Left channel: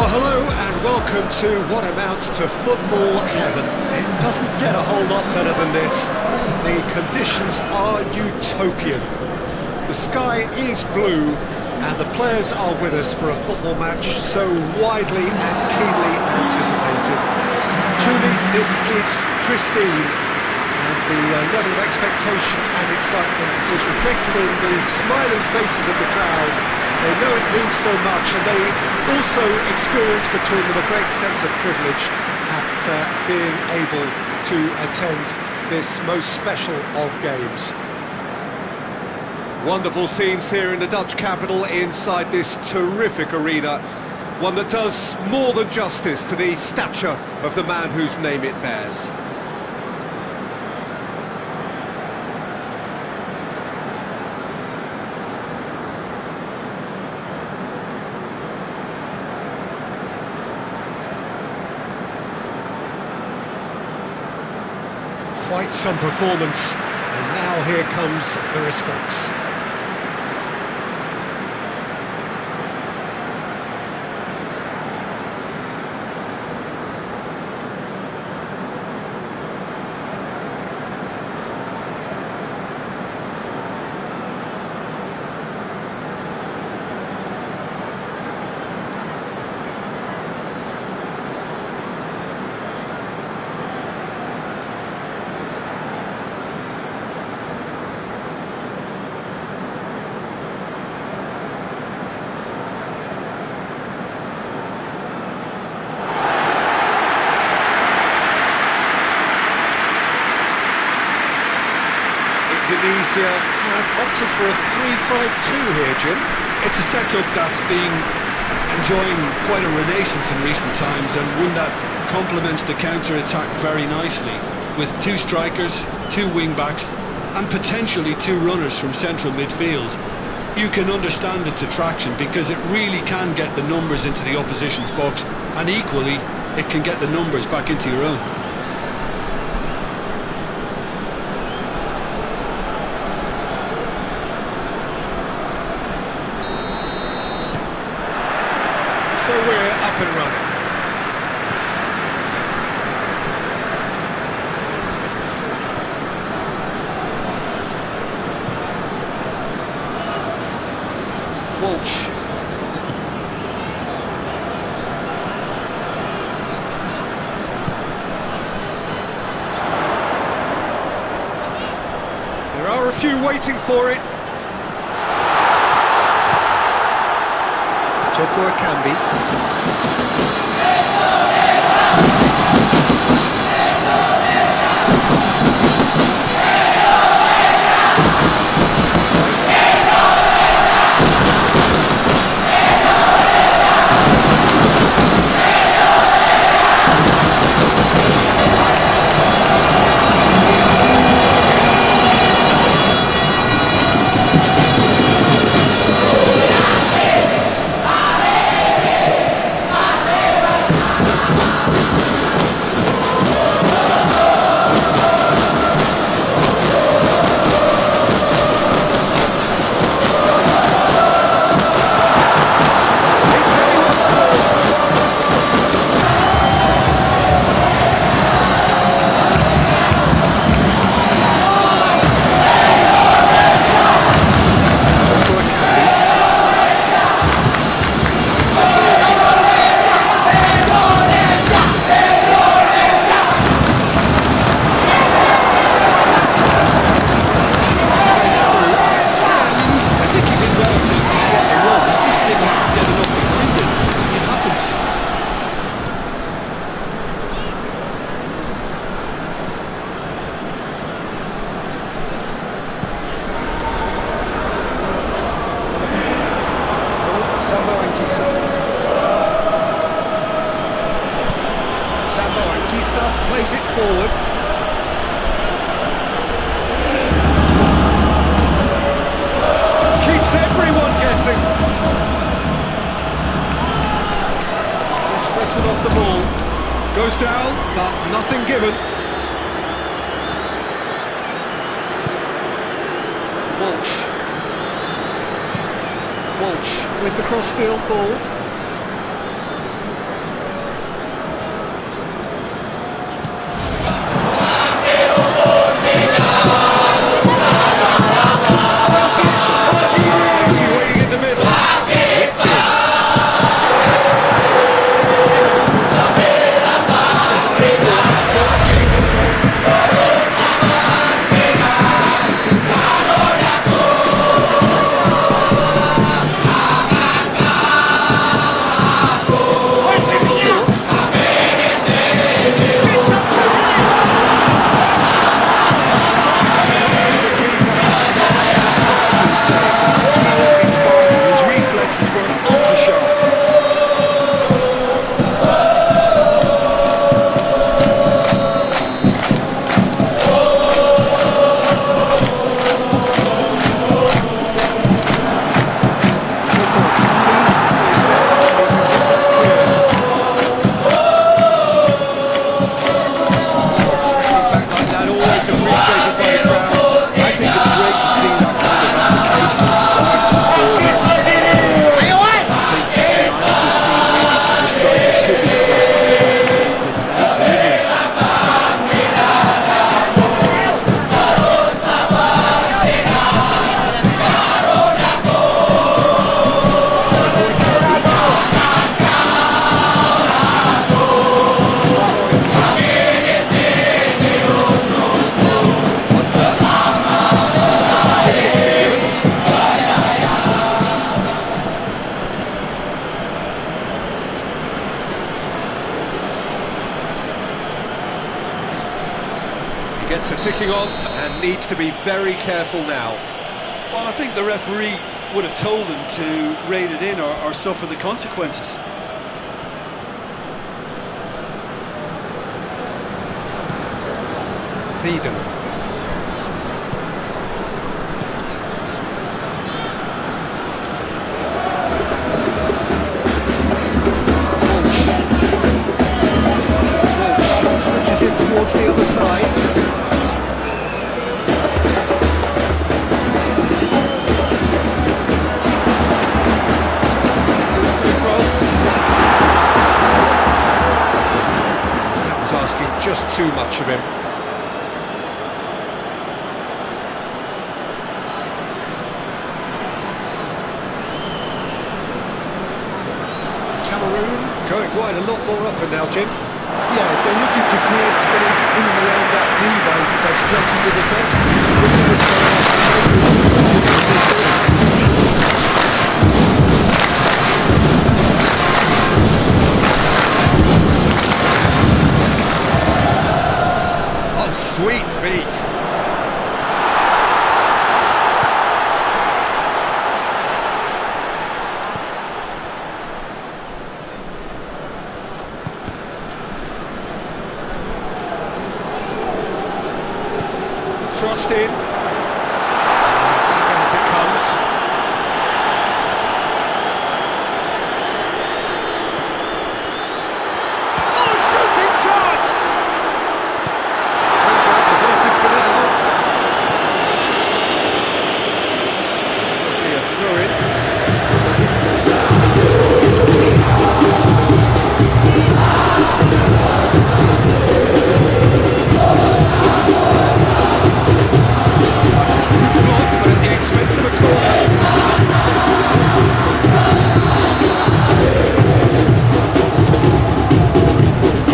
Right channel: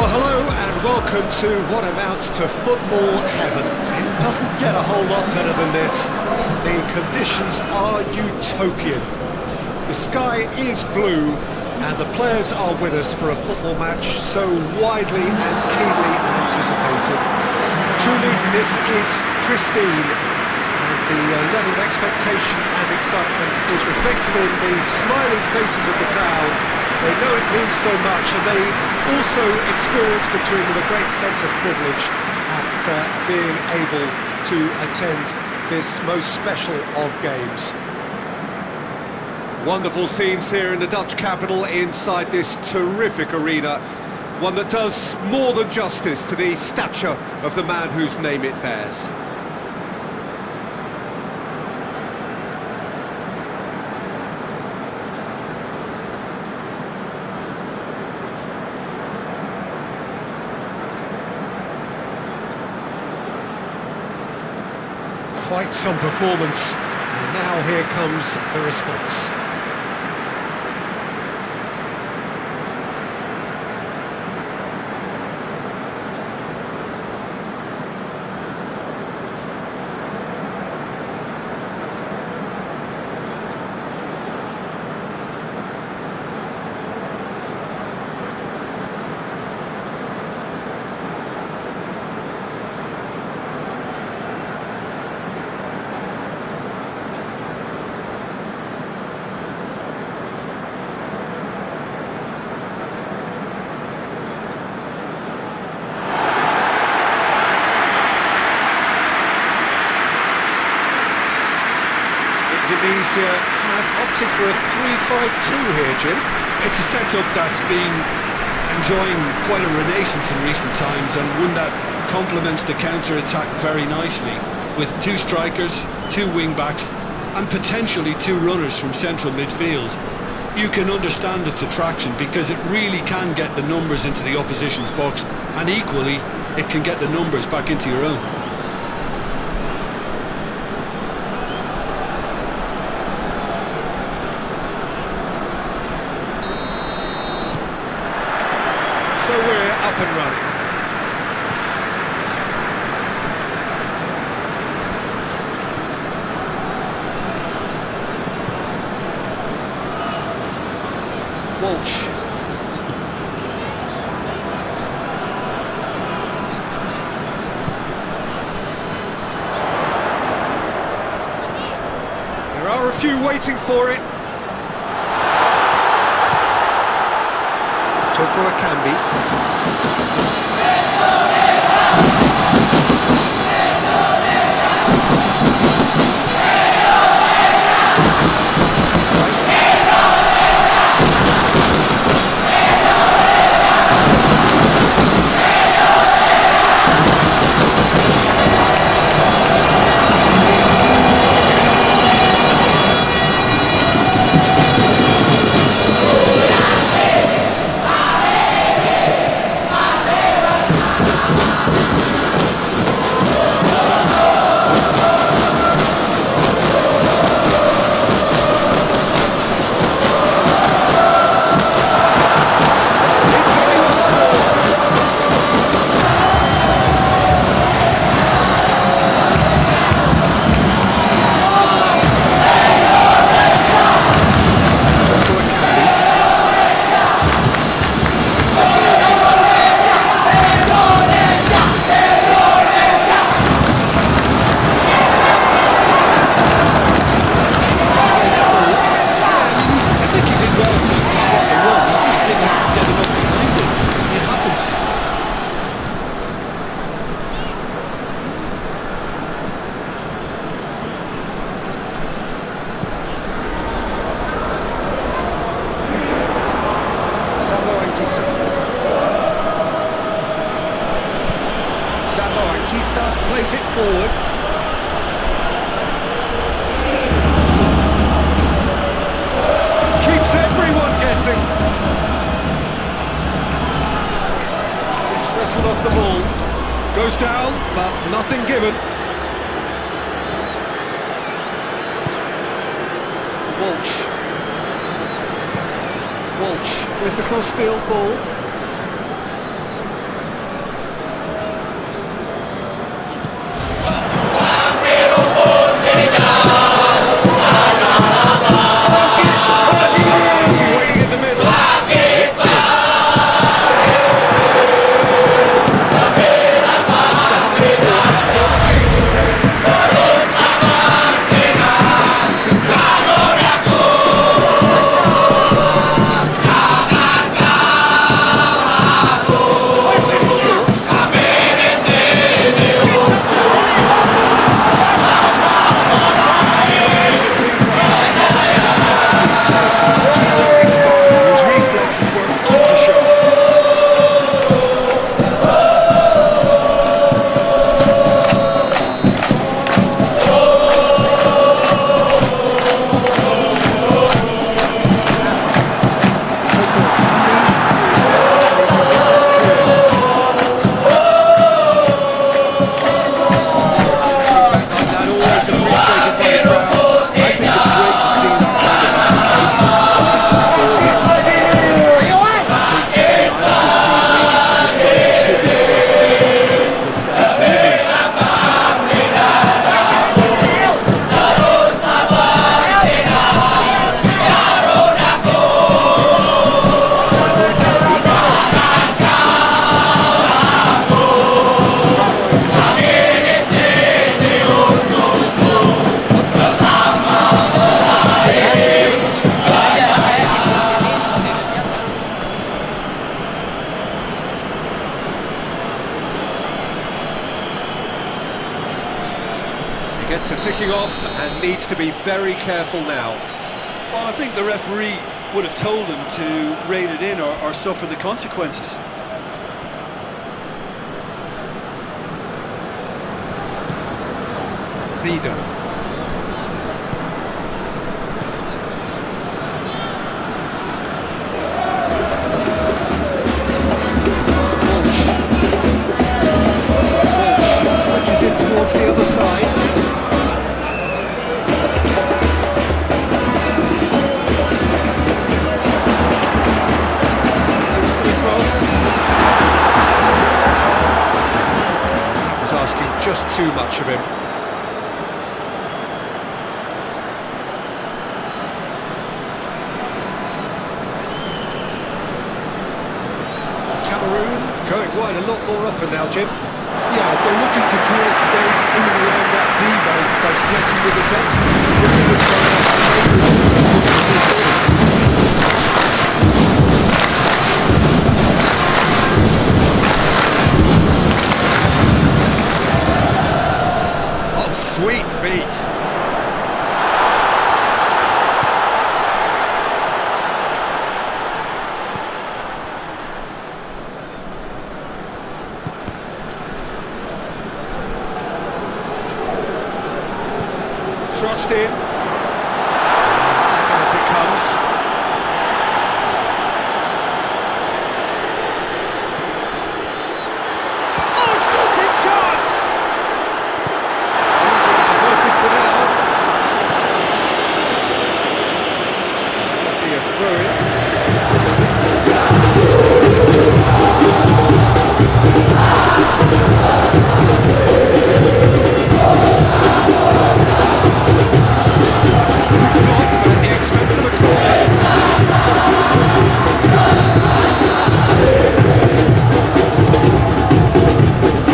Well, hello and welcome to what amounts to football heaven. It doesn't get a whole lot better than this. The conditions are utopian. The sky is blue and the players are with us for a football match so widely and keenly anticipated. Truly, this is pristine, and the level of expectation and excitement is reflected in the smiling faces of the crowd. They know it means so much, and they also experience between them a great sense of privilege at being able to attend this most special of games. Wonderful scenes here in the Dutch capital inside this terrific arena, one that does more than justice to the stature of the man whose name it bears. Quite some performance, and now here comes the response. Indonesia have opted for a 3-5-2 here, Jim. It's a setup that's been enjoying quite a renaissance in recent times, and one that complements the counter-attack very nicely, with two strikers, two wing-backs and potentially two runners from central midfield. You can understand its attraction because it really can get the numbers into the opposition's box, and equally it can get the numbers back into your own. So we're up and running. Walsh. There are a few waiting for it. Dukung plays it forward. Keeps everyone guessing. Gets wrestled off the ball. Goes down, but nothing given. Walsh. Walsh with the cross-field ball. Gets a ticking off and needs to be very careful now. Well, I think the referee would have told him to rein it in or suffer the consequences. Vido. Walsh switches it towards the other side. Asking just too much of him. Cameroon going wide a lot more often now, Jim. Yeah, they're looking to create space in and around that D by stretching the defence. Sweet feet. Crossed in. Back out it comes. Oh, shooting chance! Averted for now. Will be a throw-in. Good block, but at the expense of a corner.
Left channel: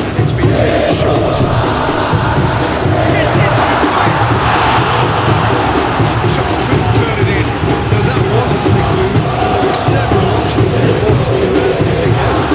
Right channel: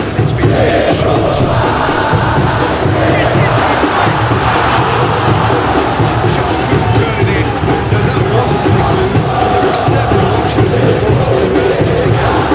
And it's been taken short. A slick move, and there were several options in the box to pick out.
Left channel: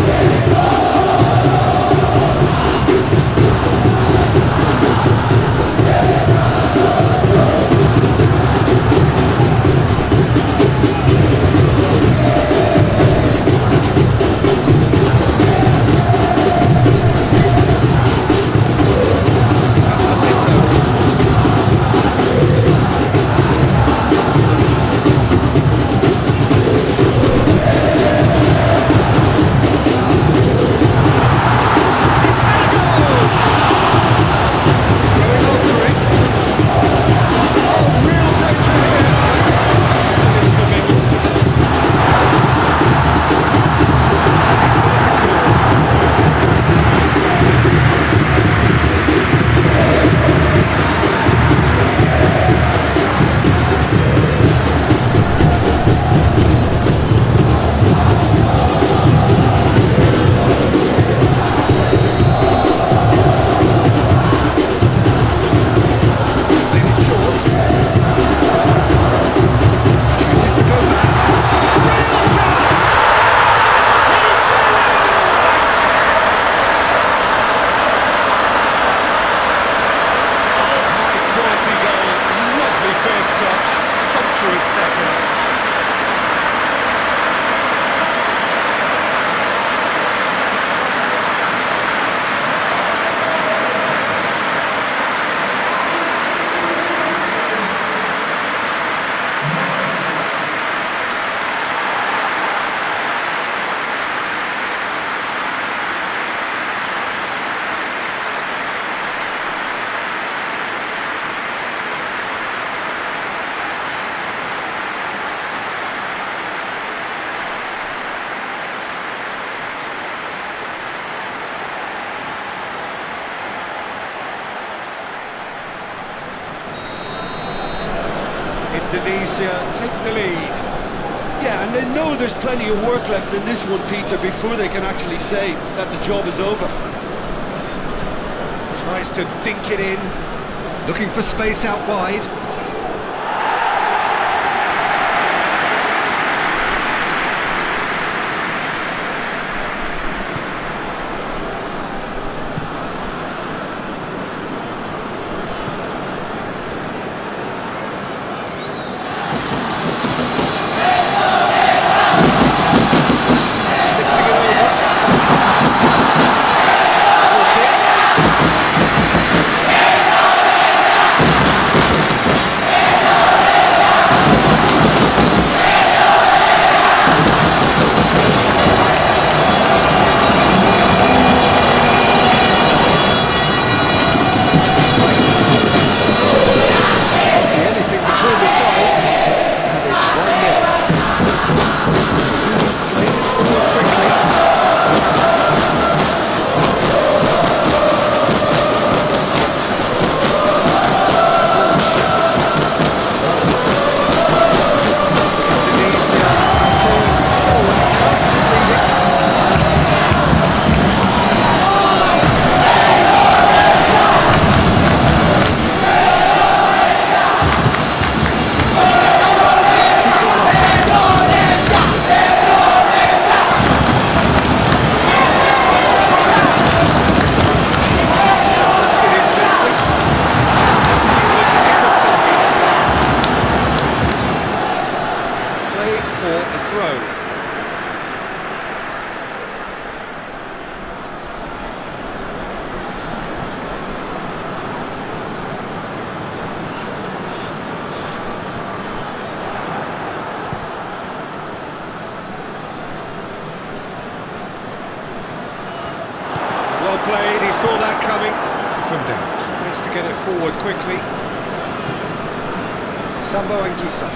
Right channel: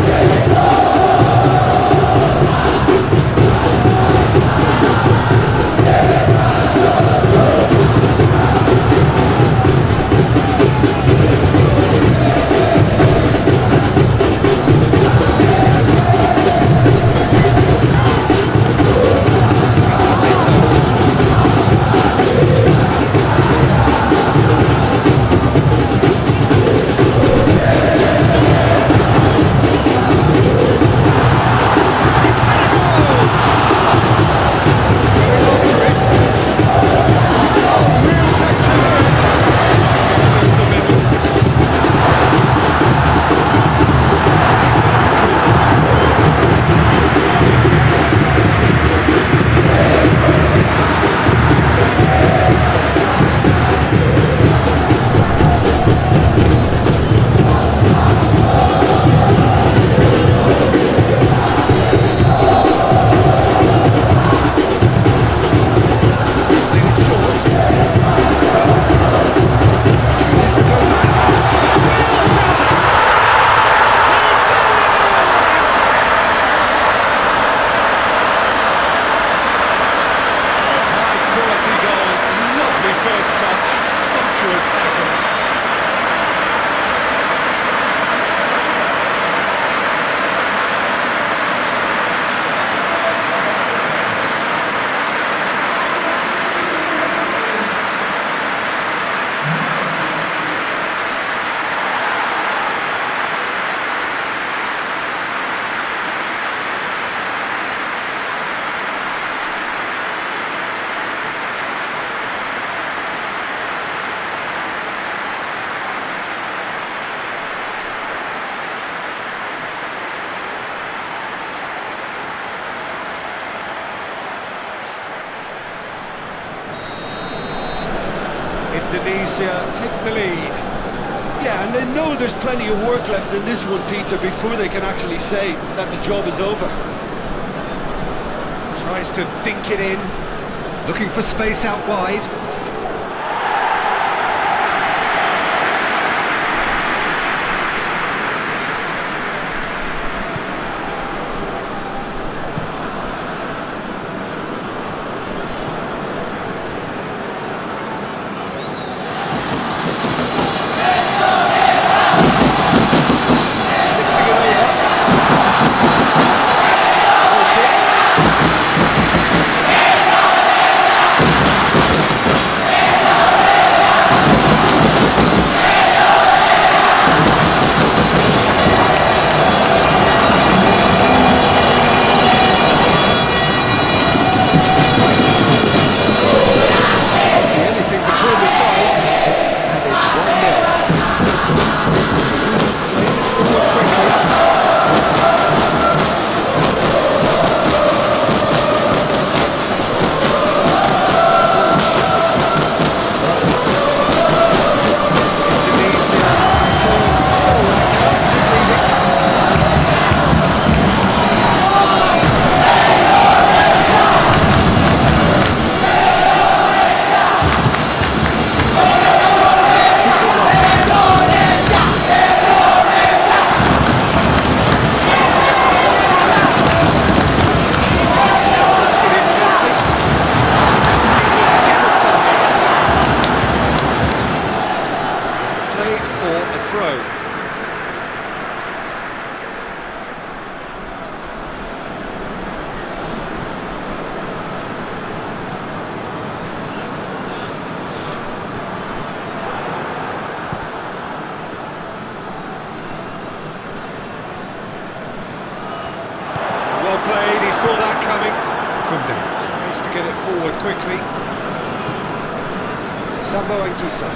Indonesia take the lead. Yeah, and they know there's plenty of work left in this one, Peter, before they can actually say that the job is over. Tries to dink it in, looking for space out wide. Well played, he saw that coming. Tunde tries to get it forward quickly. Sambo and Gisa.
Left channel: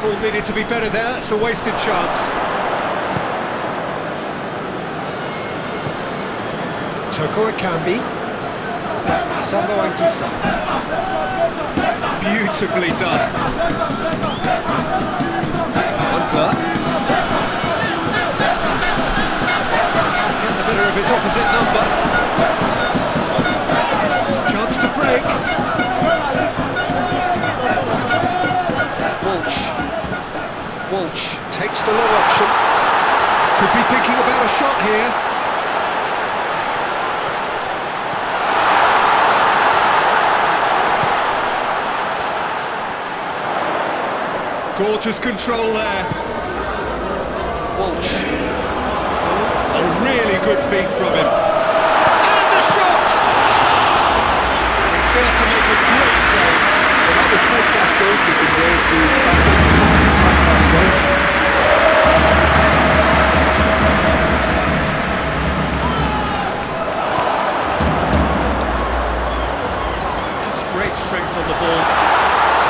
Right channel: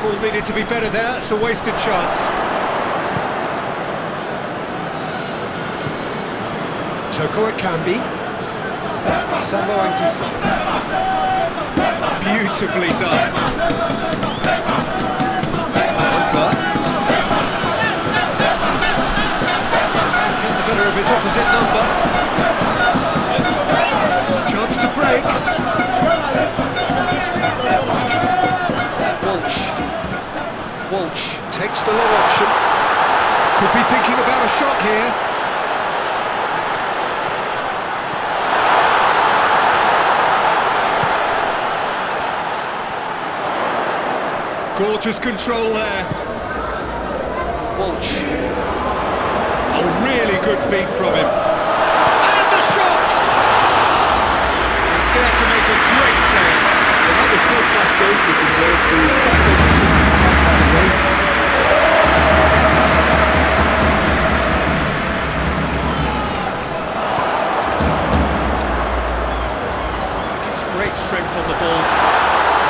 Ball needed to be better there, it's a wasted chance. Toko Ekambi. Sambo and Gisa. Beautifully done. Moncler. Get the better of his opposite number. Chance to break. Walsh takes the long option. Could be thinking about a shot here. Gorgeous control there. Walsh. A really good feat from him. And the shot! And he's there to make a great save. Well, that was high-class goalkeeping there to back up his high-class range. That's great strength on the ball.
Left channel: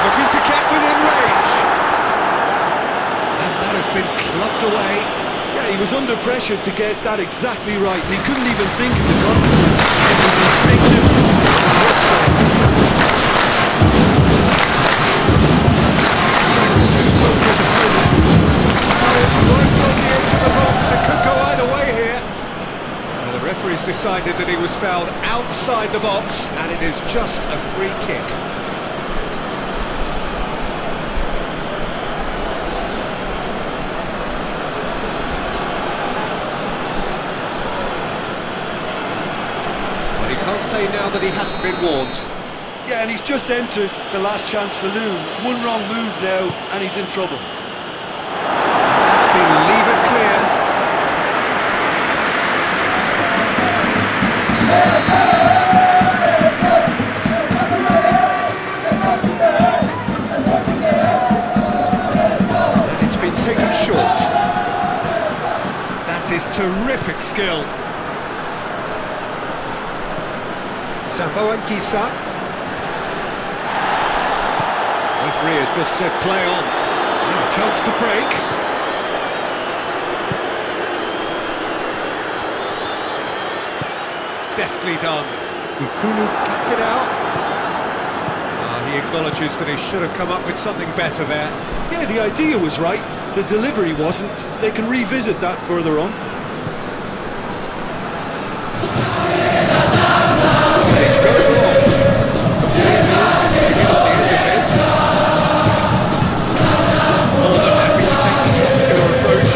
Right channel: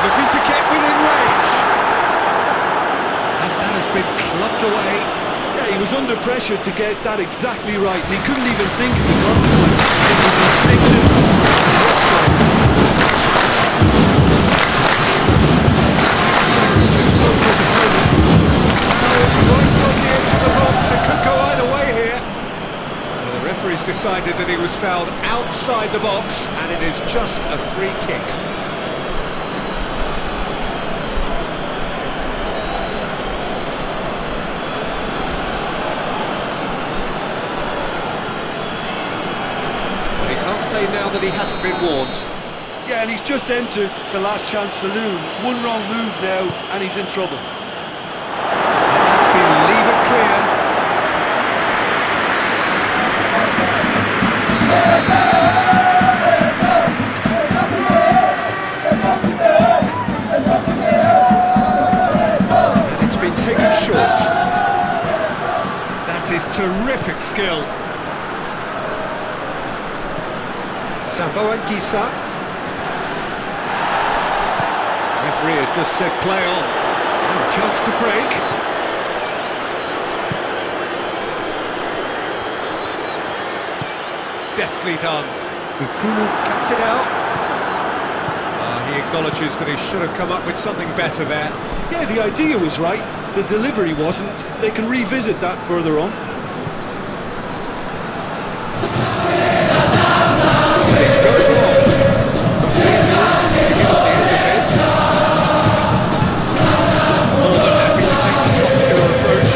Looking to get within range. And that has been clubbed away. Yeah, he was under pressure to get that exactly right, and he couldn't even think of the consequences. It was instinctive. What shot. Right on the edge of the box, it could go either way here. The referee's decided that he was fouled outside the box, and it is just a free kick. Well, he can't say now that he hasn't been warned. Yeah, and he's just entered the last chance saloon. One wrong move now, and he's in trouble. That's been leave it clear. And it's been taken short. That is terrific skill. Sambo and Gisa. Referee has just said play on. Now a chance to break. Deftly done. Ukulu cuts it out. He acknowledges that he should have come up with something better there. Yeah, the idea was right. The delivery wasn't. They can revisit that further on. It's going long. To get on the end of this. More than happy to take the muscular approach.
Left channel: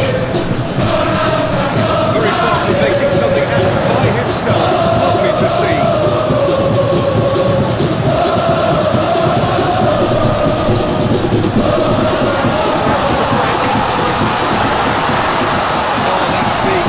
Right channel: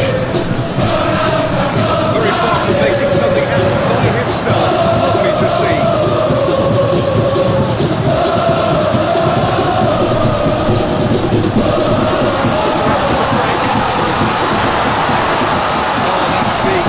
Not very far from making something happen by himself. Lovely to see. Oh, that's big.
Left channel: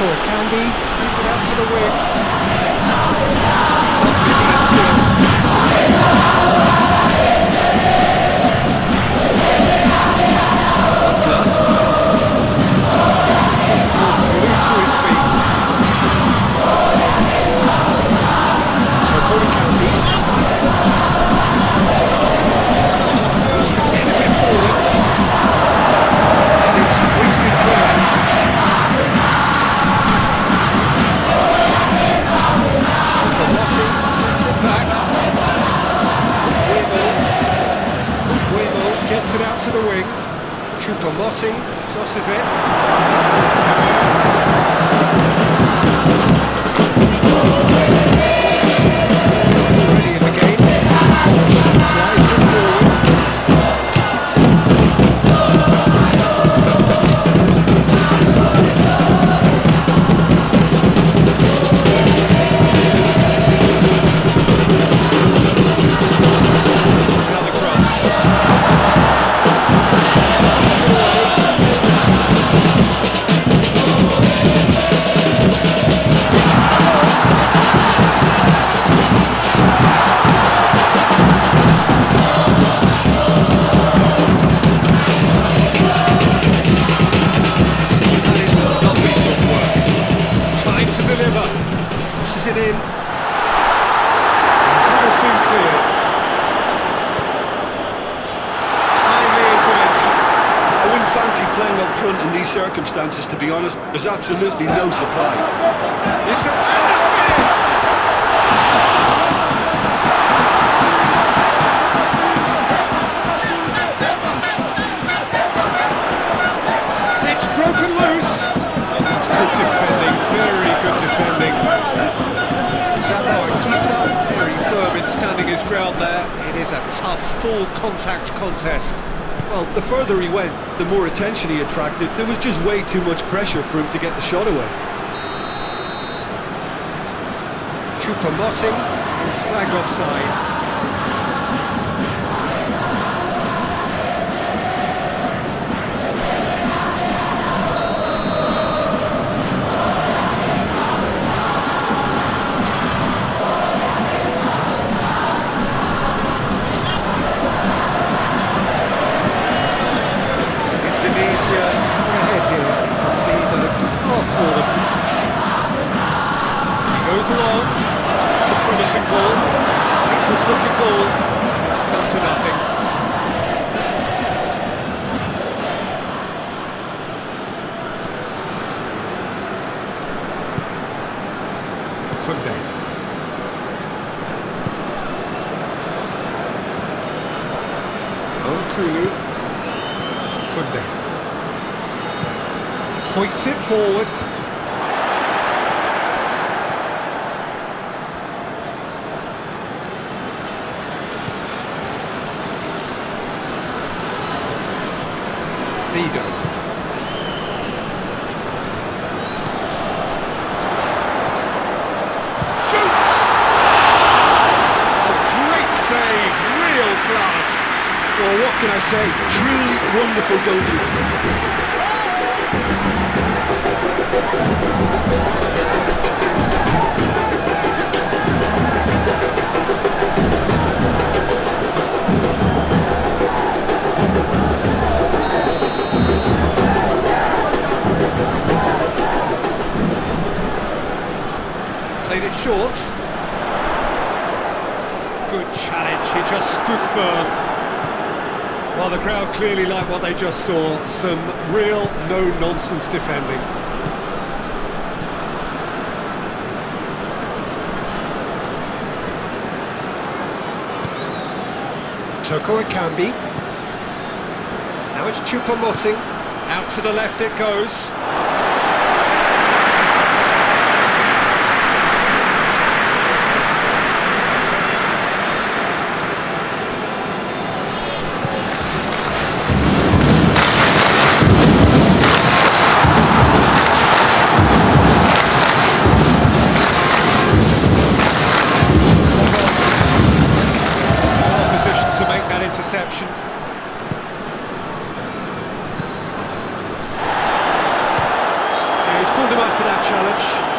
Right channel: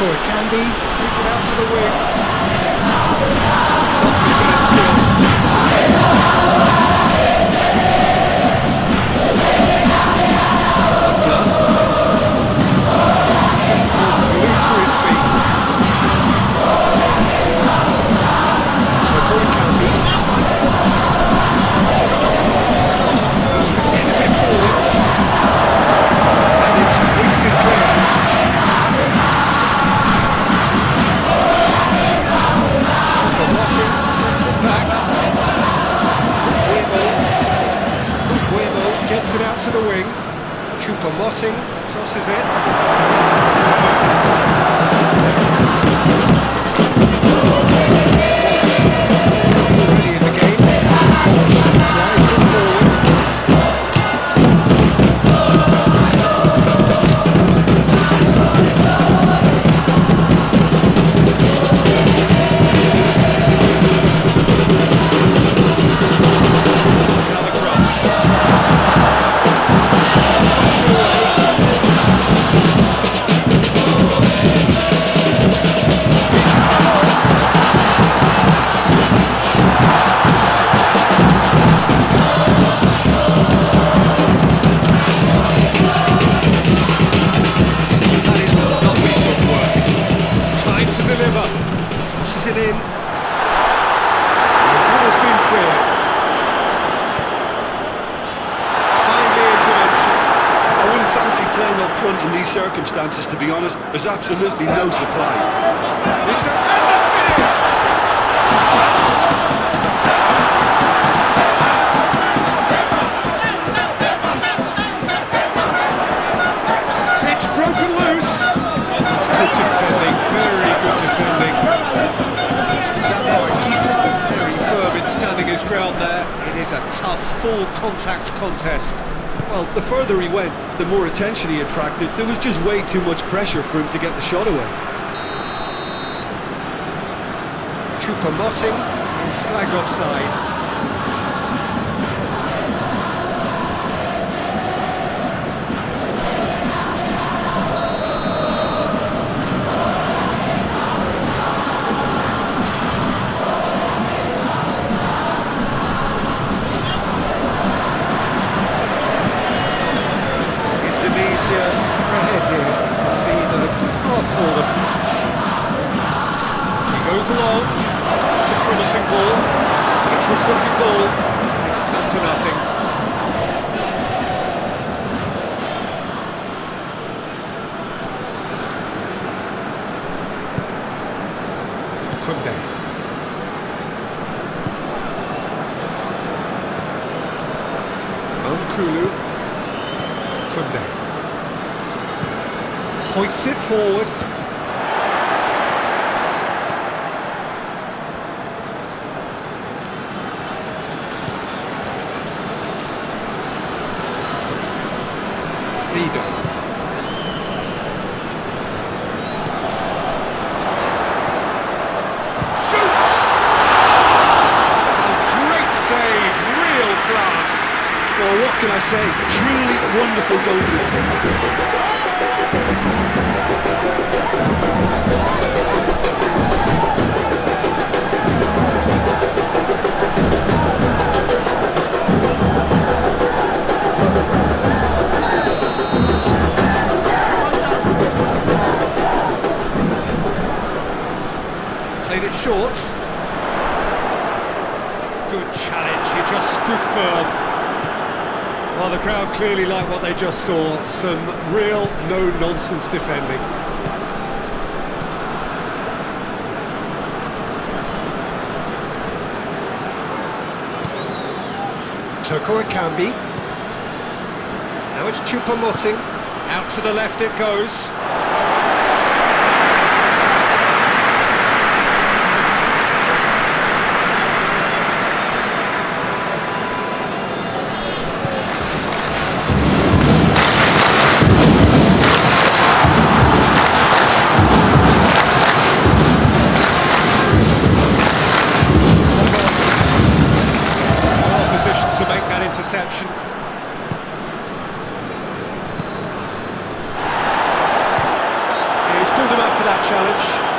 or it can be. Plays it out to the wing. Not given a skill. Glued to his feet. Or it can be. He's going to clip it forward. And it's hoisted clear. Gets it out to the wing. Choupo-Moting tosses it. Already in the game. Drives it forward. Now the cross. Tosses it in. And that has been cleared. Timely intervention. I wouldn't fancy playing up front in these circumstances, to be honest. There's absolutely no supply. It's the and the finish! It's broken loose. It's good defending, very good defending. Kisa, very firm in standing his ground there. It is a tough, full contact contest. Well, the further he went, the more attention he attracted. There was just way too much pressure for him to get the shot away. Choupo-Moting is flagged offside. Indonesia ahead here. It has been a good half for them. He goes along. It's a promising ball. Dangerous looking ball. And it's come to nothing. Kunde. Kulu. Kunde. Hoists it forward. Rido. Shoots! A great save, real class. Well, what can I say? Truly wonderful goalkeeper. Played it short. Good challenge, he just stood firm. Well, the crowd clearly liked what they just saw. Some real no-nonsense defending. Toko Ekambi. Now it's Choupo-Moting. Out to the left it goes. To make that interception. pulled him up for that challenge.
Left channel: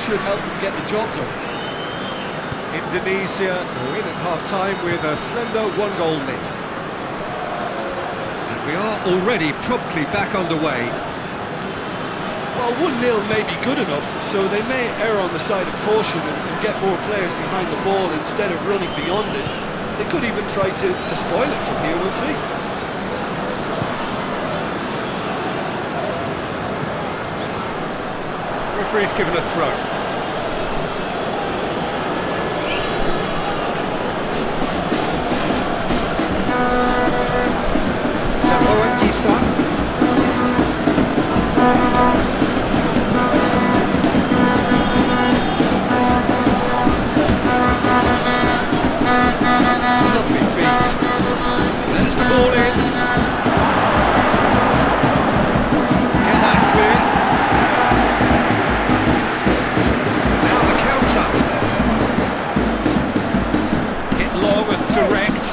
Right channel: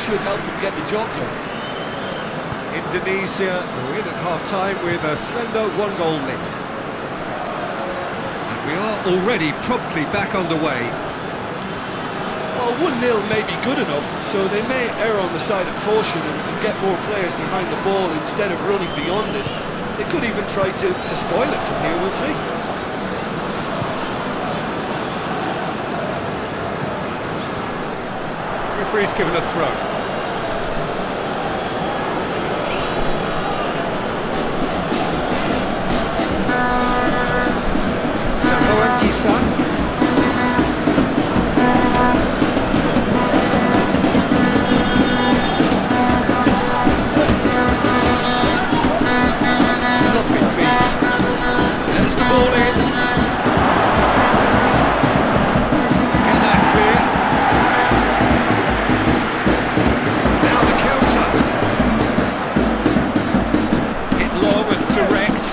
Should help them get the job done. Indonesia are in at half-time with a slender one-goal lead. And we are already promptly back underway. Well, 1-0 may be good enough, so they may err on the side of caution and get more players behind the ball instead of running beyond it. They could even try to spoil it from here, we'll see. Referee's given a throw. Lovely feet. There's the ball in. Get that clear. Now the counter. Hit long and direct.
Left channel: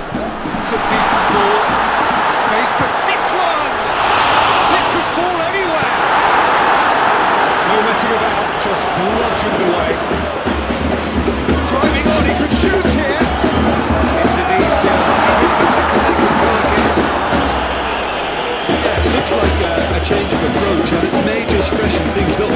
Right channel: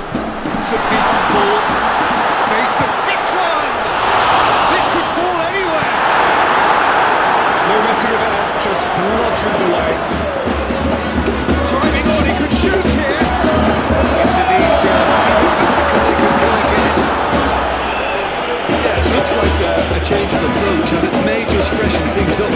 It's a decent ball. Face to hits one. This could fall anywhere. No messing about, just bludgeoned away. Driving on, he could shoot here. Indonesia giving back and they could go again. Yeah, it looks like a change of approach and it may just freshen things up.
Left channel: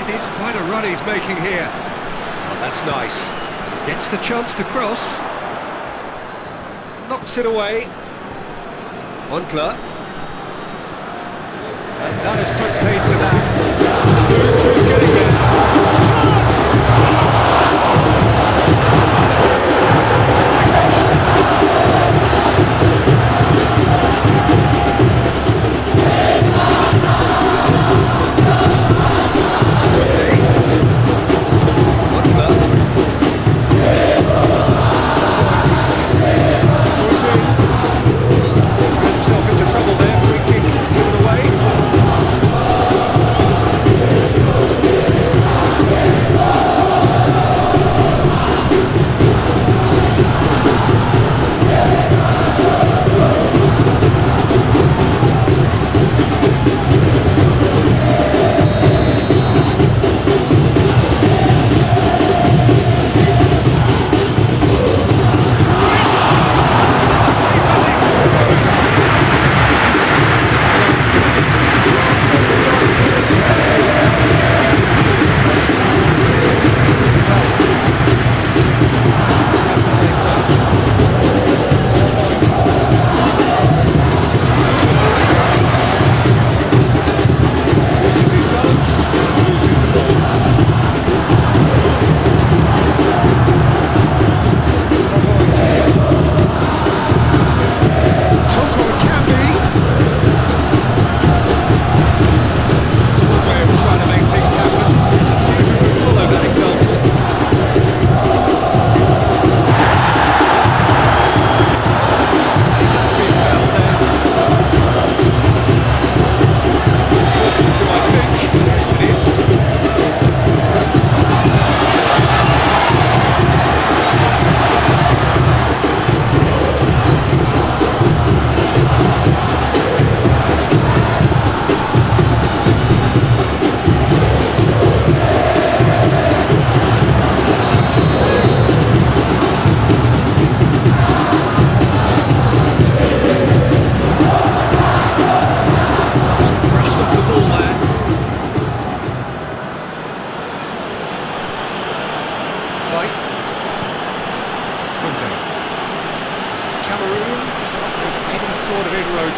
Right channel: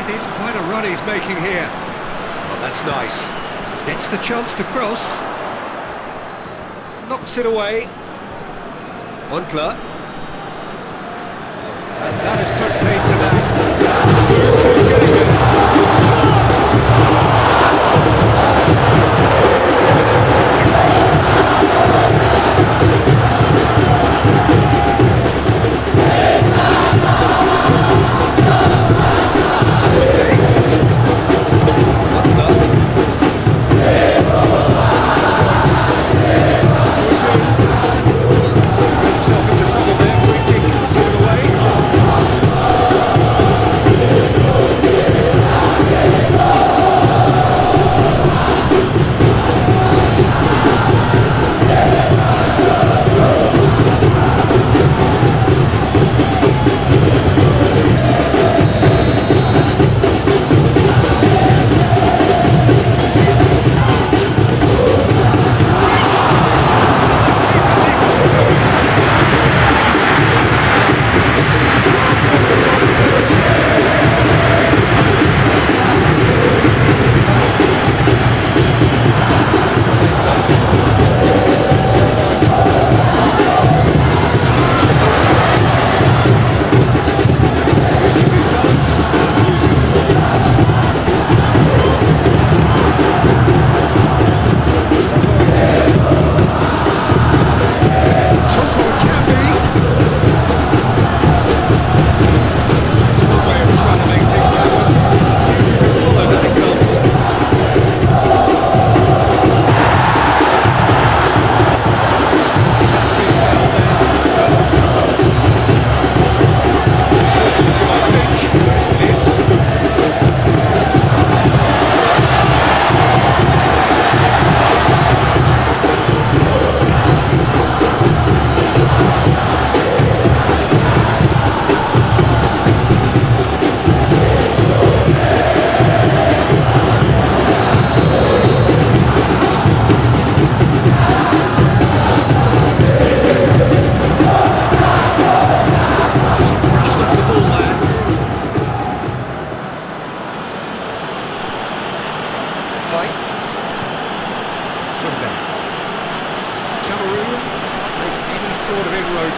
It is quite a run he's making here. Oh, that's nice. Gets the chance to cross. Knocks it away. Onkler. And that is put paid to that. Loose, who's getting there? Chance! Cleared without complication. What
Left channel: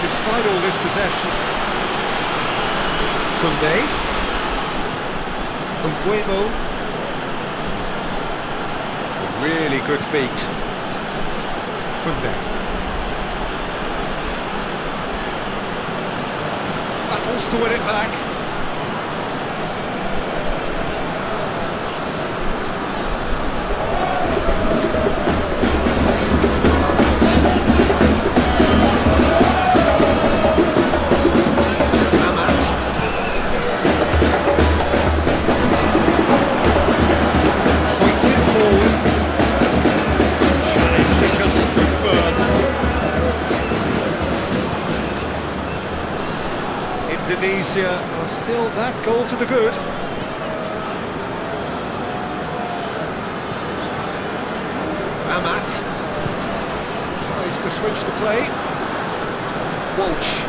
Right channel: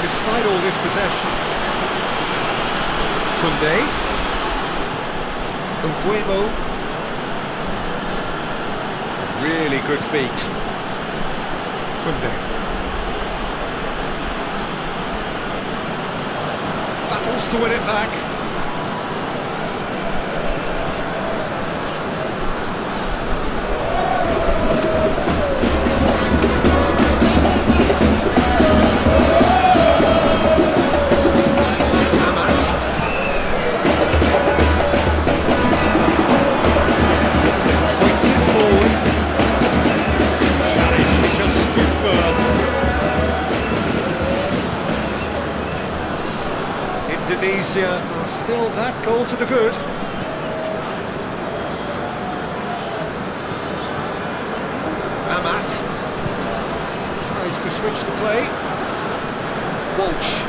despite all this possession. Kunde. Umbuemo. Really good feet. Kunde. Battles to win it back. Indonesia are still that goal to the good. Amat tries to switch the play. Walsh.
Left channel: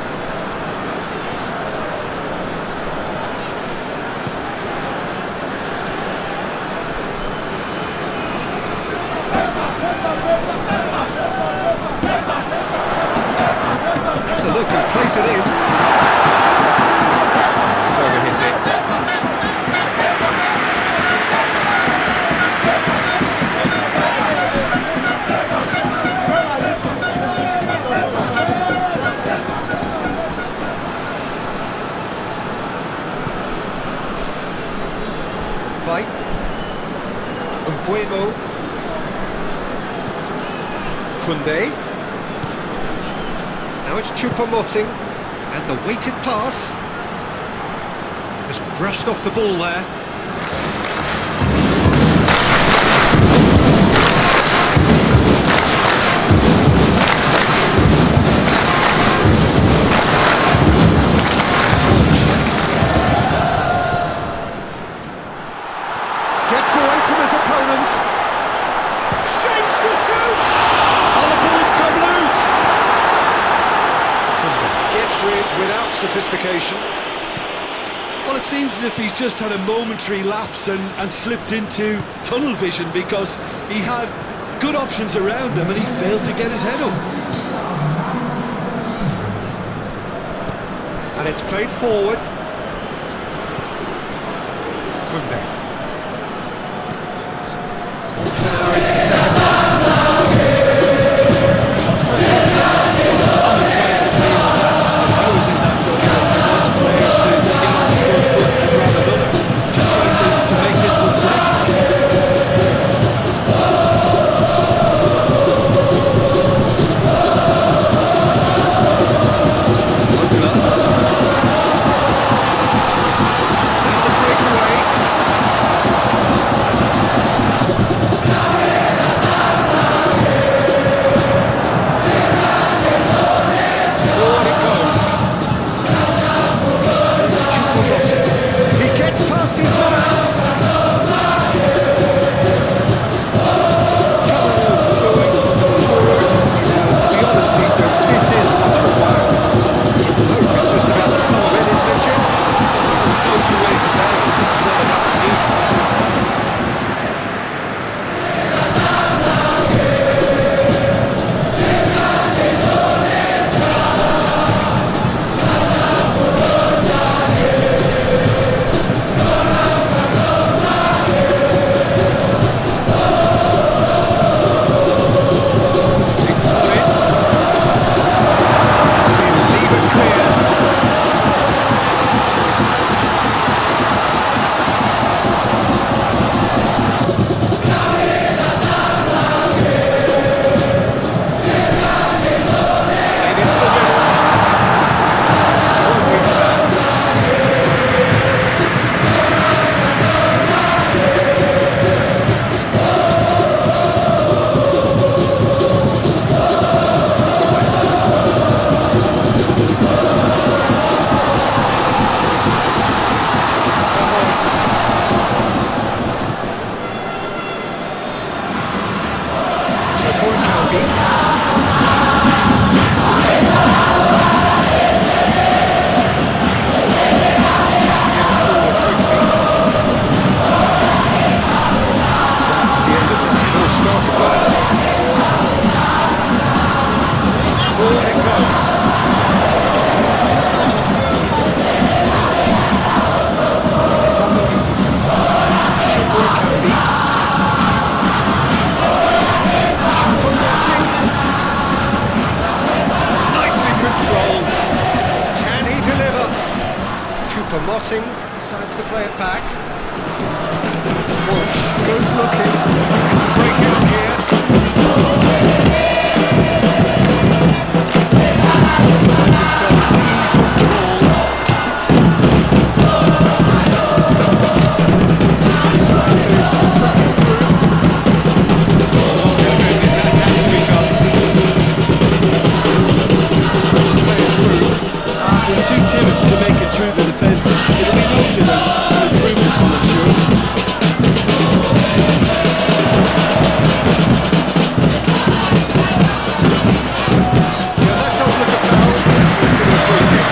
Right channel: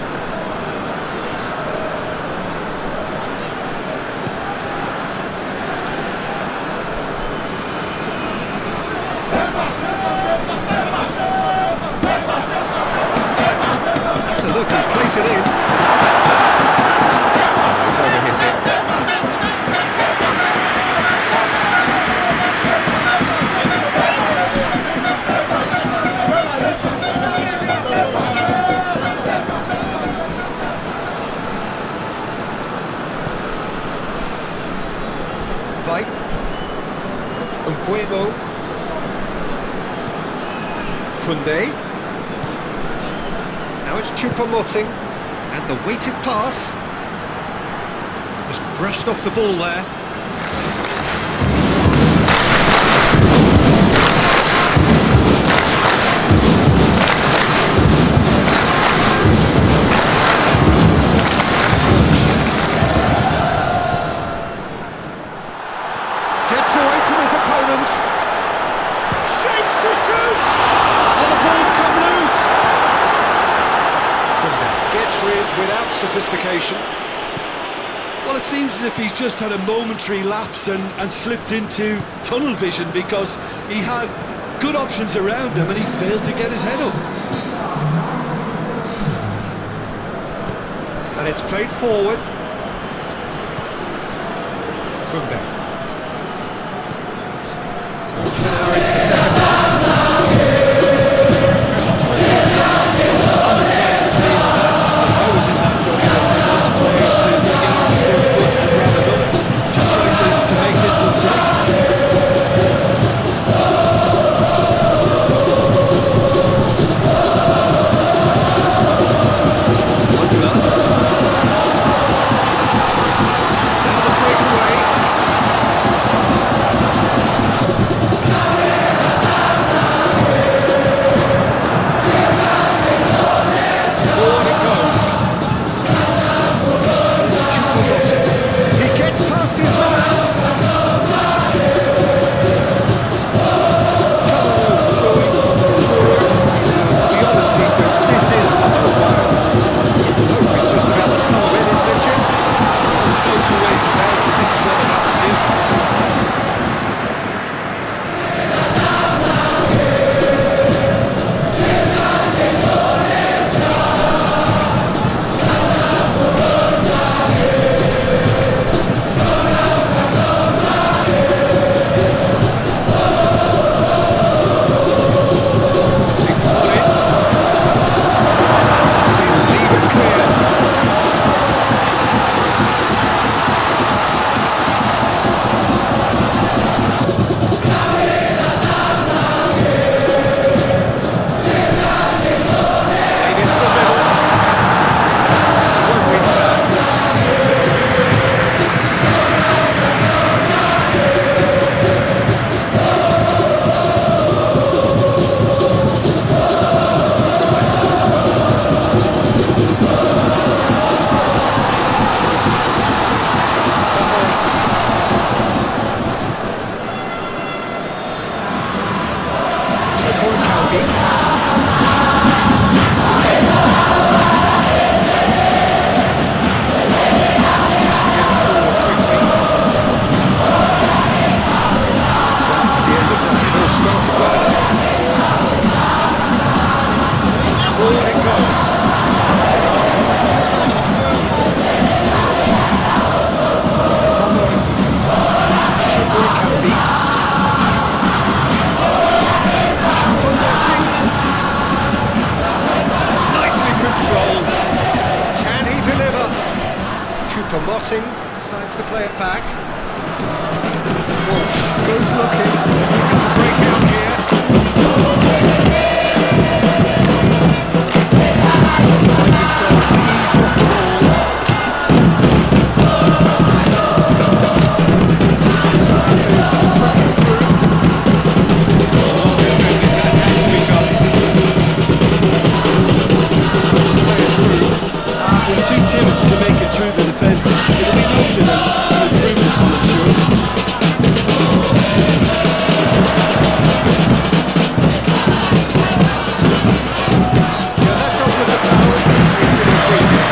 That's a look and plays it in. Overhit it. Fight. Umbuemo. Kunde. Now it's Choupo-Moting and the weighted pass. Just brushed off the ball there. Gets away from his opponent. Shapes to shoot! Oh, the ball's come loose! Gets rid without sophistication. Well, it seems as if he's just had a momentary lapse and slipped into tunnel vision, because he had good options around him and he failed to get his head up. And it's played forward. Kunde. Now into the second half. I'm inclined to feel that if I was in that double, I want the players to get on the front foot and grab another. Just trying to make this one safe. Now the breakaway. Datang decides to play it back. Walsh goes looking, looking to break out here. Finds himself eased off the ball. Tries to strip it through. Well defended, that had to be done. Tries to play it through. Was too timid to make it through the defence. It'll be noted and improved upon, I'm sure. Yeah, that does look a foul. He's given a free kick.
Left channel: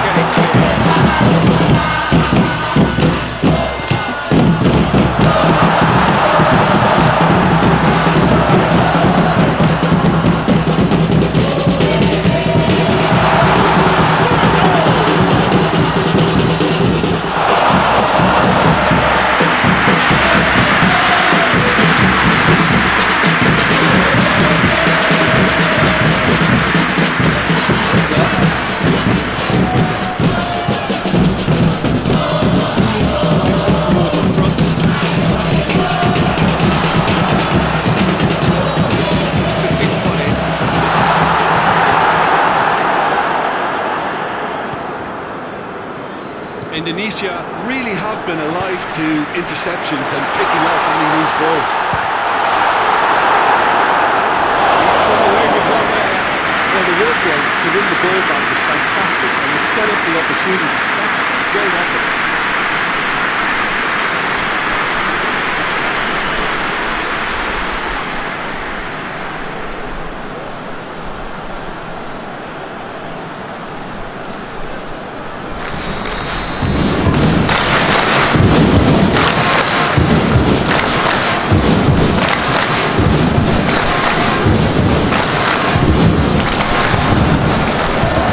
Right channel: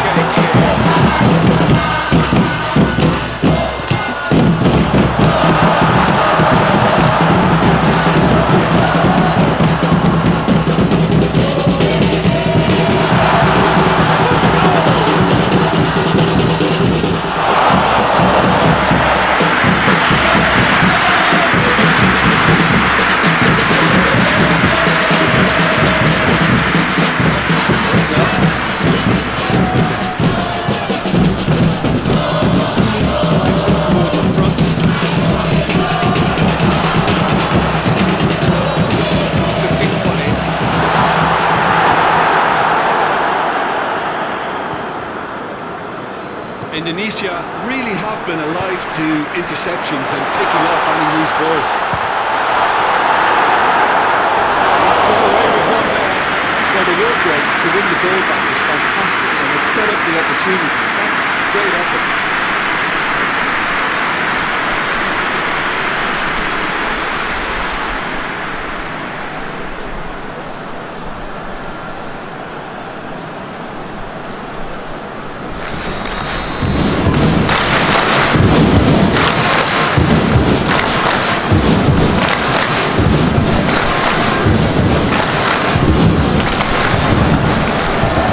Get it clear. Drives it towards the front. It's the big one in. Indonesia really have been alive to interceptions and picking off any loose balls. He's got away with one there. Well, the work rate to win the ball back was fantastic and it set up the opportunity. That's great effort.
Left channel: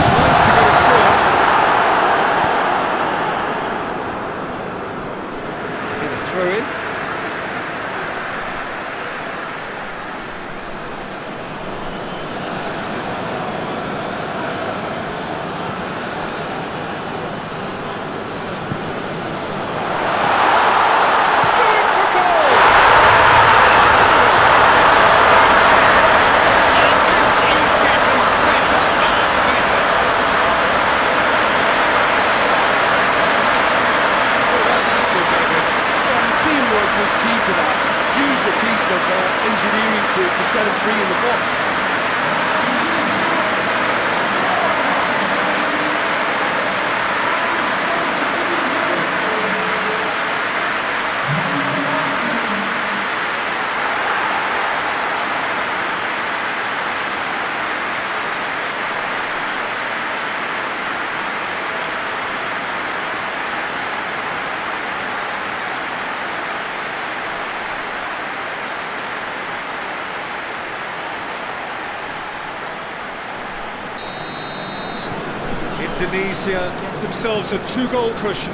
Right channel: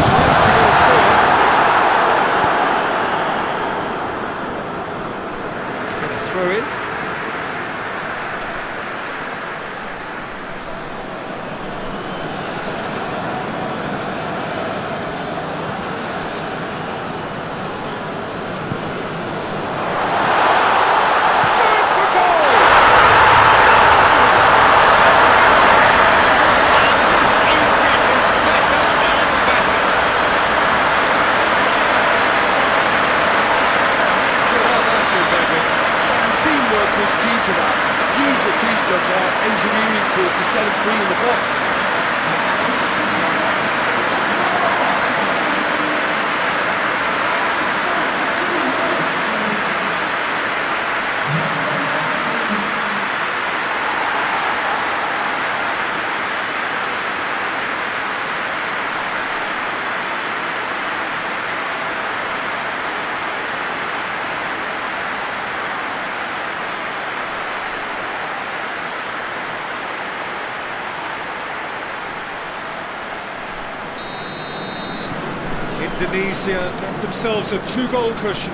Tries to get it clear. Get a throw in. Going for goal! Goal! And this is getting better and better. What about that, Jim Begley? Yeah, and teamwork was key to that. Beautiful piece of engineering to set him free in the box. Indonesia get themselves a two-goal cushion.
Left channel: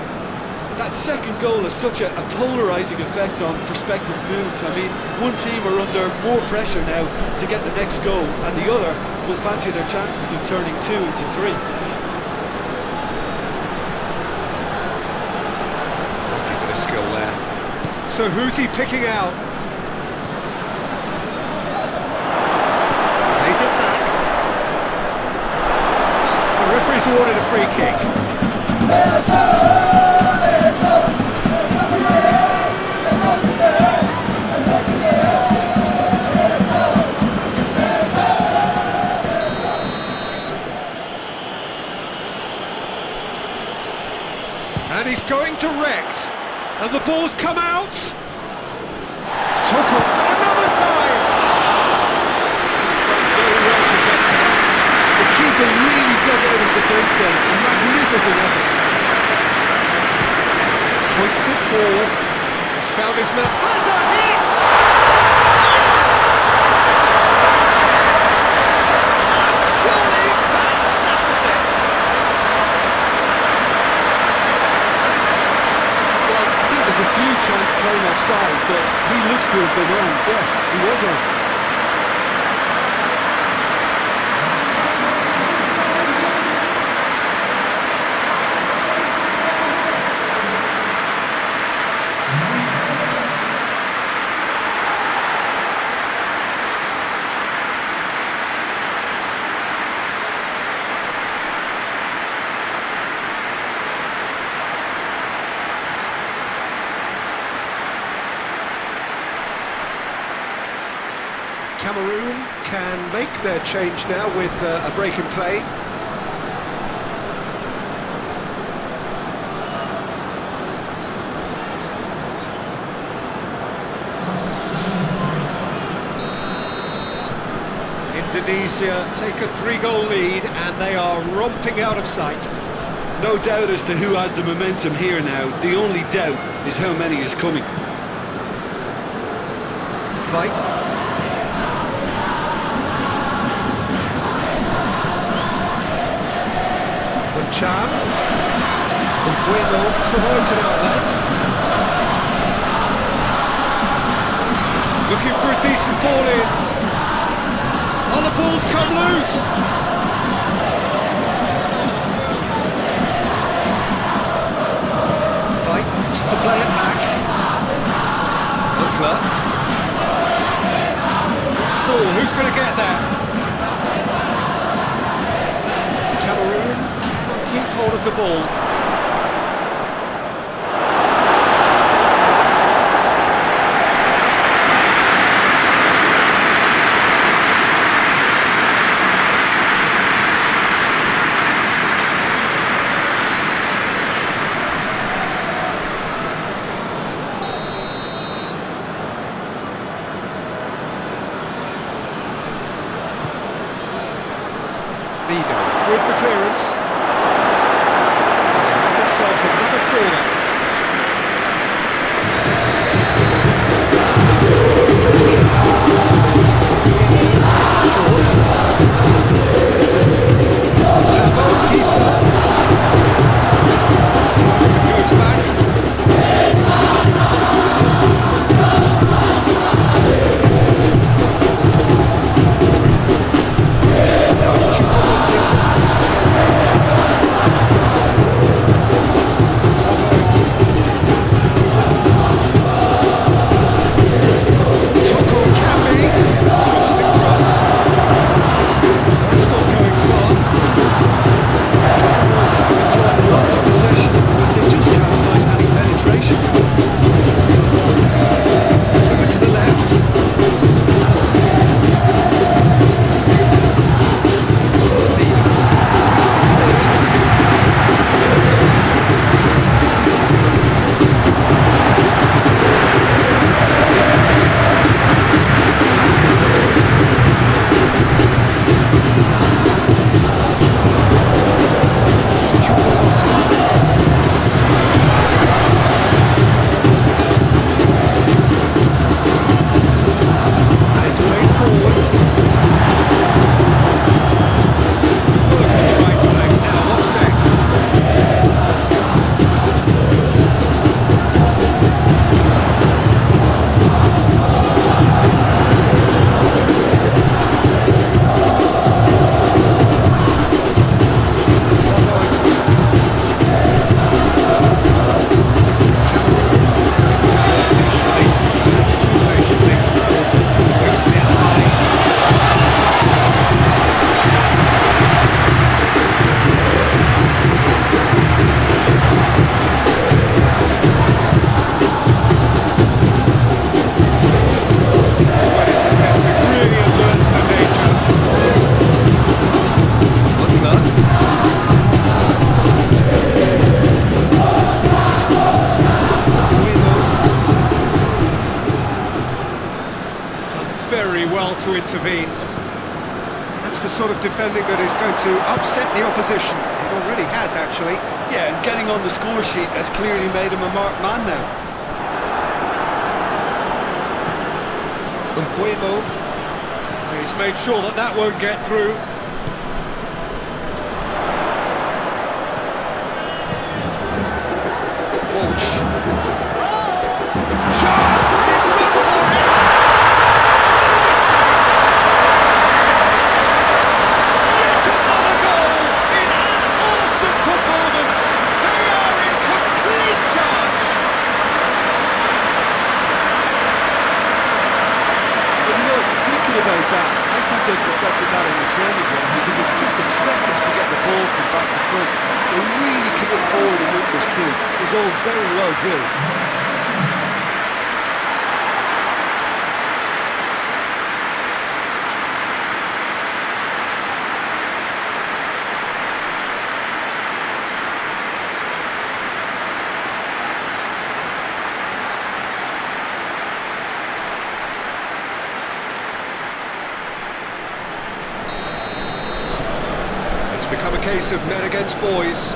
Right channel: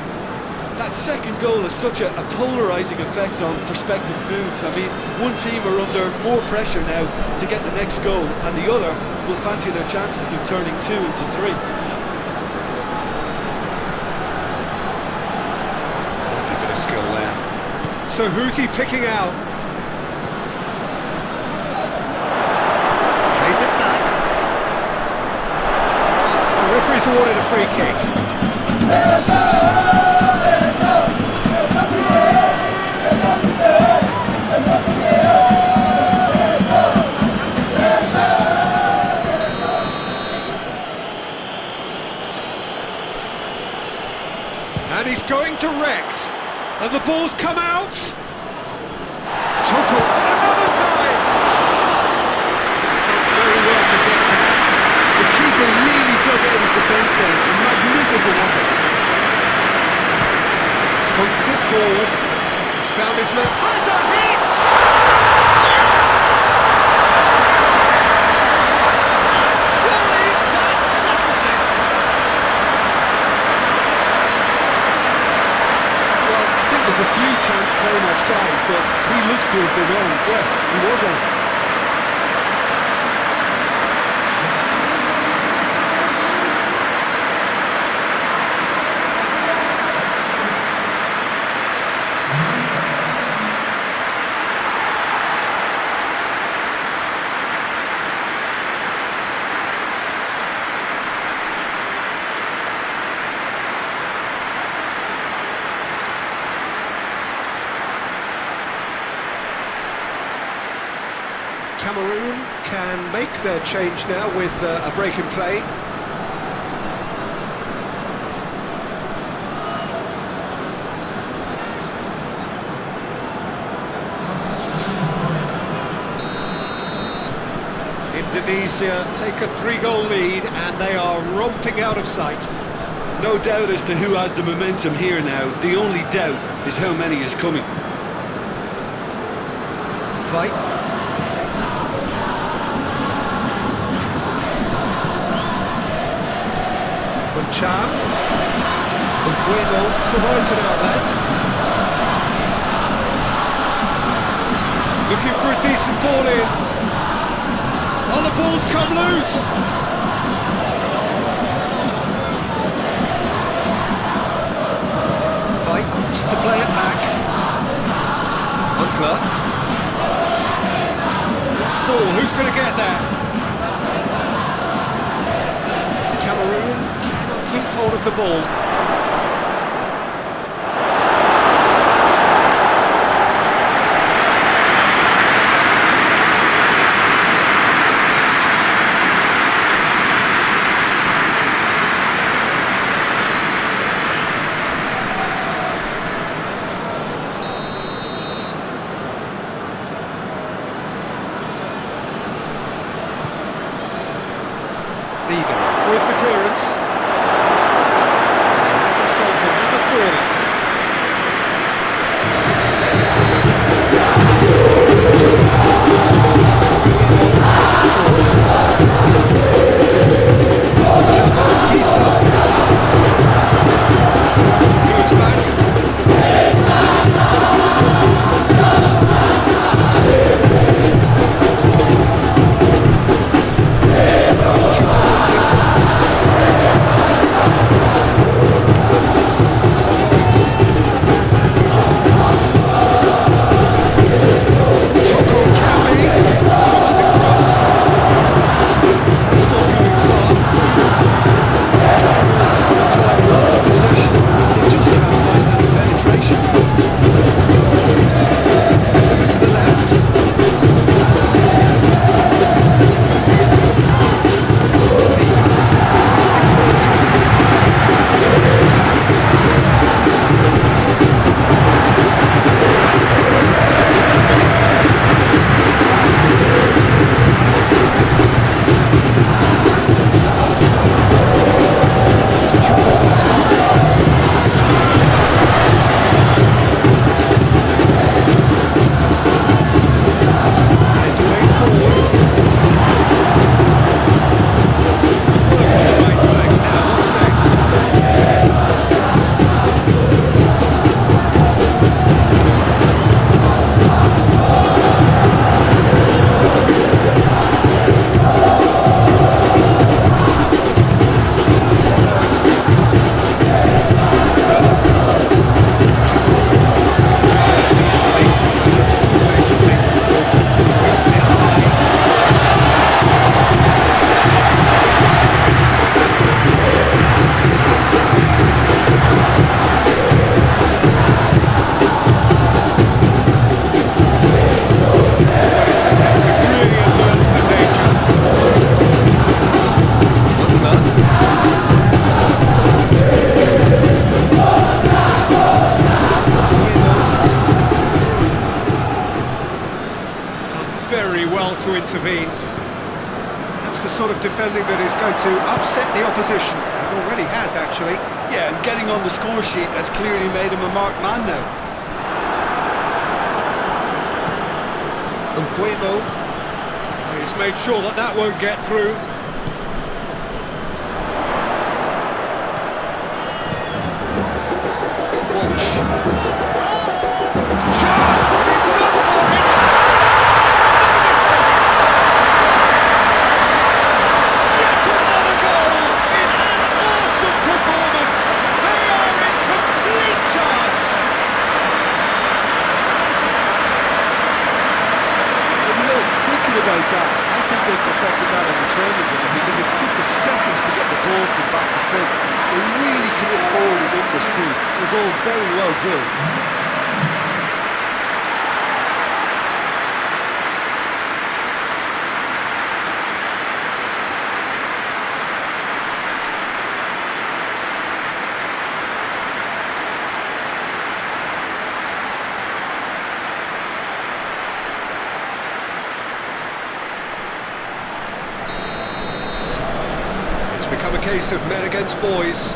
That second goal has such a polarising effect on prospective moods. I mean, one team are under more pressure now to get the next goal, and the other will fancy their chances of turning 2 into 3. Lovely bit of skill there. So who's he picking out? Plays it back. The referee's awarded a free kick. And he's going direct. And the ball's come out. Dukung, and another time. He's done very well to get to that. The keeper really dug out his defence then. A magnificent effort. Hoists it forward. found his man. Has a hit! Yes! And surely that settles it. Well, I think there's a few trying to claim offside, but he looks to have been on. Yeah, he was on. Cameroon can make their change now with a break in play. Indonesia take a 3-goal lead and they are romping out of sight. No doubt as to who has the momentum here now. The only doubt is how many is coming. Fight. Cham, and Bueno provides an outlet. Looking for a decent ball in. Oh, the ball's come loose. Fight wants to play it back. Unkler. Loose ball, who's going to get there? Cameroon keep hold of the ball. Vigo with the clearance. Another corner. Goes back. Now it's Chukwuemeka. To intervene. That's the sort of defending that is going to upset the opposition. It already has, actually. Yeah, and getting on the score sheet has clearly made him a marked man now. Untukmu. He's made sure that that won't get through. Walsh. Shot! He's gone for it! No mistake! Yet another goal in an awesome performance! They are in complete charge! Well, you know, thinking about that, I think they perfected that on the training ground because it took them seconds to get the ball from back to front. They really committed forward in numbers too. It was all very well drilled. Become a case of men against boys.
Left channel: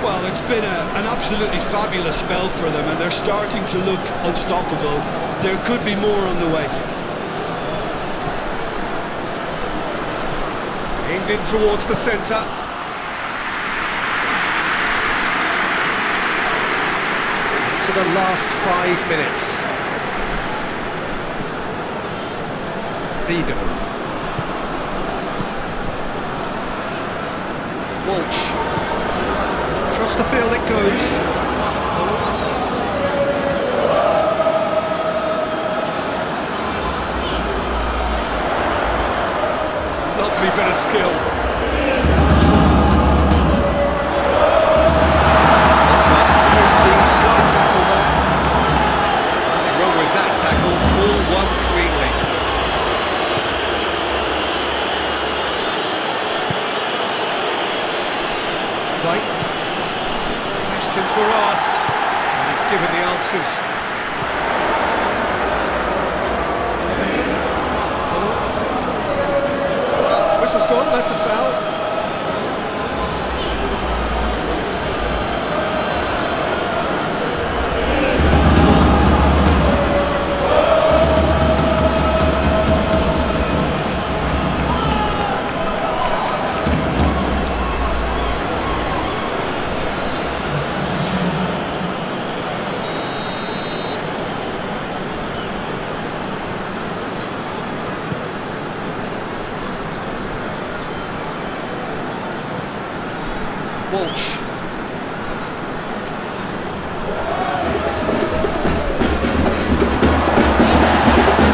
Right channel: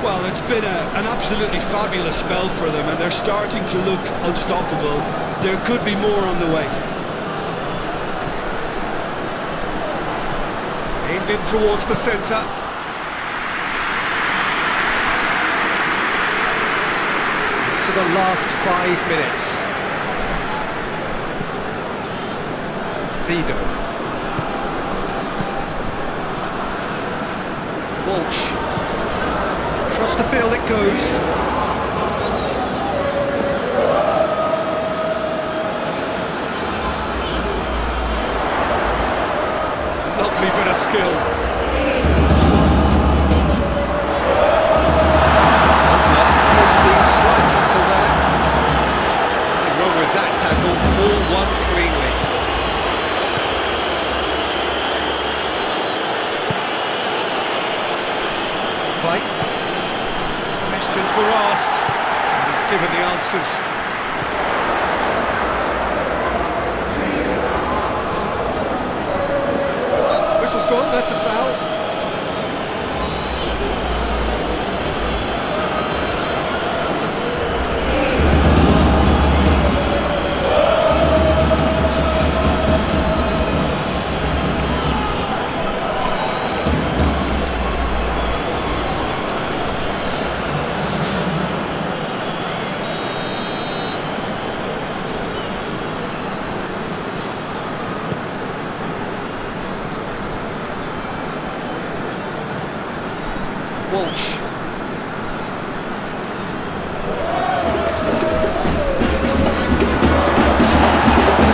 Well, it's been an absolutely fabulous spell for them, and they're starting to look unstoppable. There could be more on the way. Aimed in towards the centre. To the last 5 minutes. Rido. Walsh. Across the field it goes. Lovely bit of skill. Hit the slide tackle there. Nothing wrong with that tackle. All won cleanly. Fight. Questions were asked, and he's given the answers. Whistle's gone, that's a foul. Walsh.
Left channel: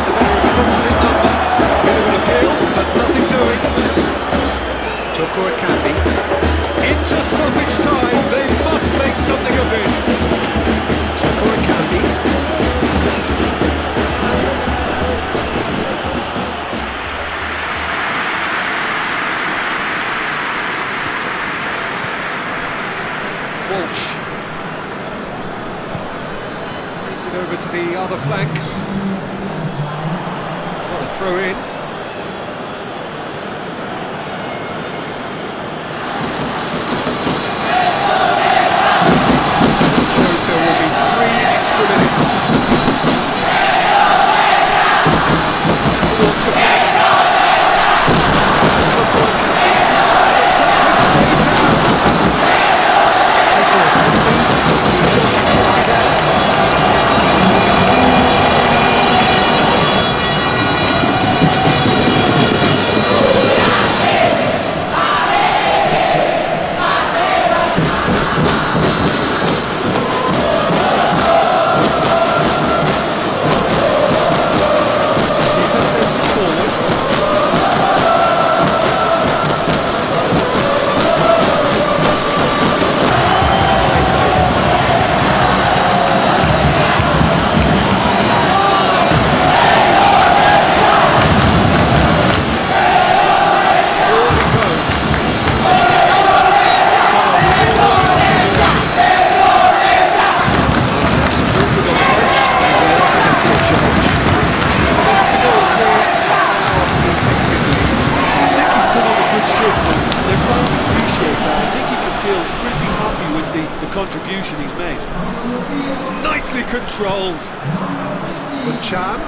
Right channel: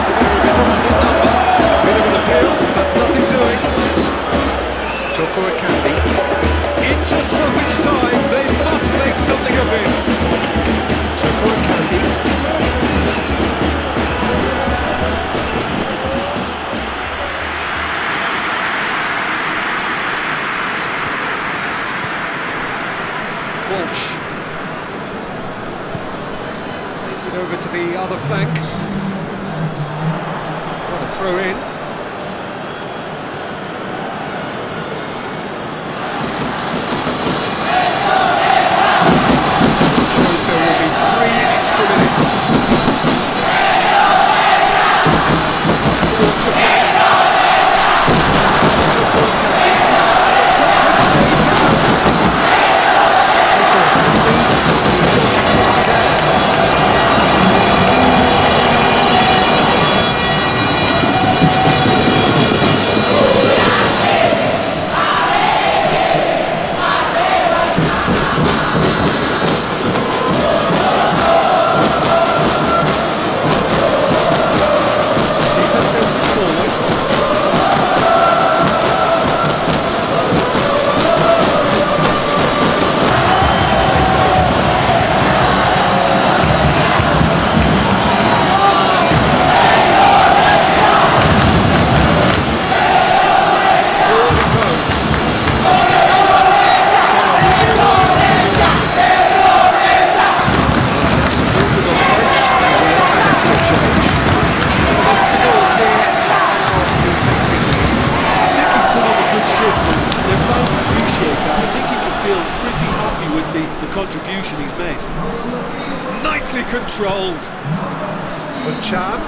The better of his opposite number. Bit of an appeal, but nothing doing. Dukung Channel Ini. Into stoppage time. They must make something of this. Dukung Channel Ini. Walsh plays it over to the other flank. What a throw in. Shows there will be 3 extra minutes. Towards the flank. Dukung Channel Ini. The contribution he's made. Nicely controlled. Untukmu.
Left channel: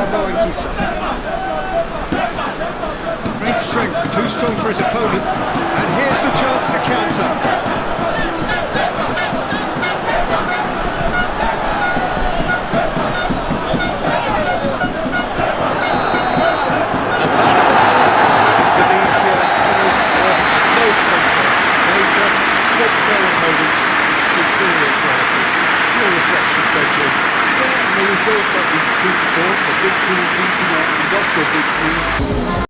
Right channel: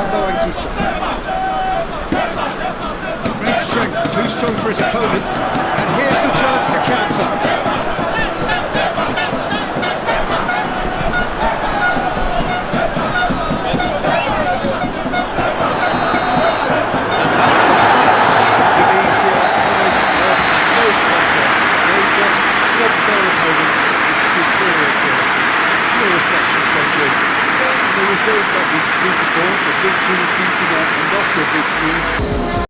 Great strength, too strong for his opponent, and here's the chance to counter. And that's that. Indonesia, winners of a no contest. They just swamped their opponents in superior quality. Your reflections then, Jim? Yeah, and the result that was true to form, a big team beating a not so big team.